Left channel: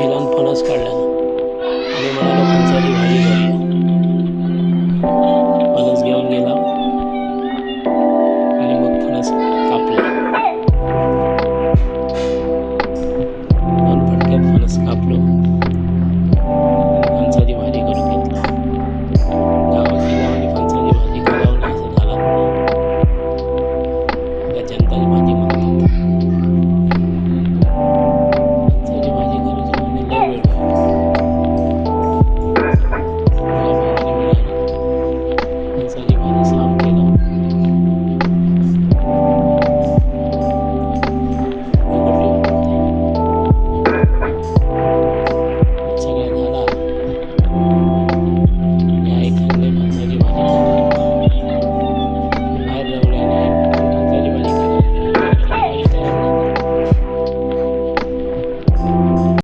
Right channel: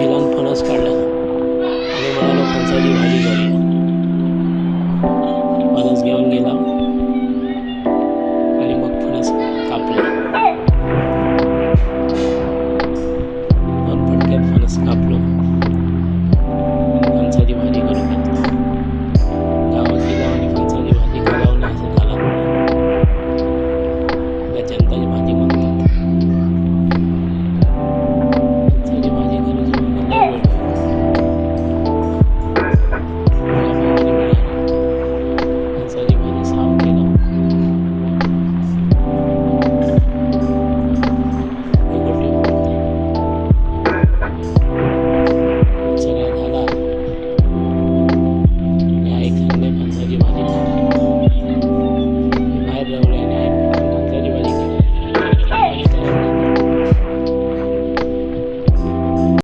झिलान फणस काढला आणि म्हणालो फणसाची भाजी करूया. फणस घेऊन गेला आणि मग फणस कापला. 2 फटक्यात फणस कापलो.